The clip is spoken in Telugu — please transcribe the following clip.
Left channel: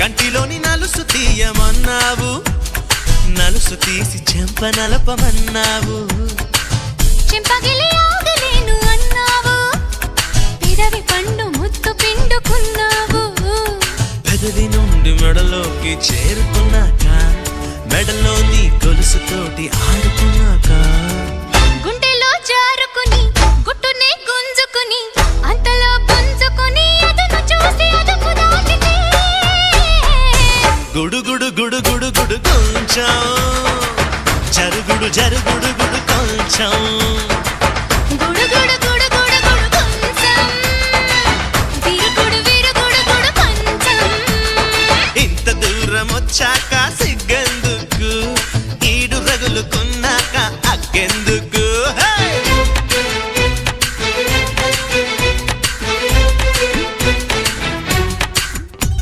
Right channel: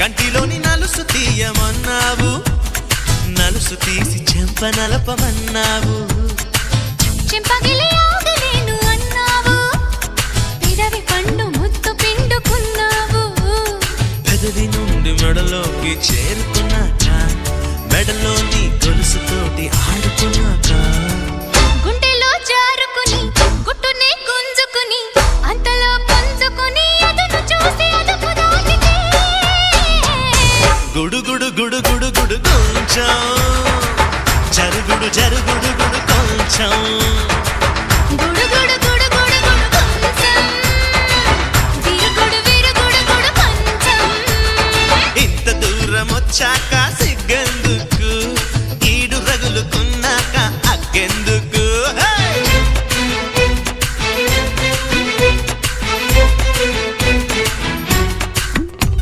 కంటిలోని నలుసు తీయమన్నావు, నలుసు తీసి చెంప నలపమన్నావు. చెంపగిలి ఆగలేను అన్నావు, పెదవి పండు ముత్తు పిండుకున్నావు. పెదవి నుండి మెడలోకి చేరుకున్నాక, మెడలోని గొలుసుతోటి ఆడుకున్నాక, గుండెలో జారుకుని గుట్టునే గుంజుకుని అంతలో పుంజుకుని అదును చూసి అదుపు దాటితే గుడుగుడు గుడుగుడు గుడు కొంచెం, జరుగుడు జరుగుడు గుడు కొంచెం, గుడుగుడు గుడుగుడు గుడు కొంచెం, విరుగుడు విరుగుడు గుడు కొంచెం. ఇంత దూరం వచ్చాక సిగ్గెందుకు, ఈడు రగులుకున్నాక అగ్గెందుకు.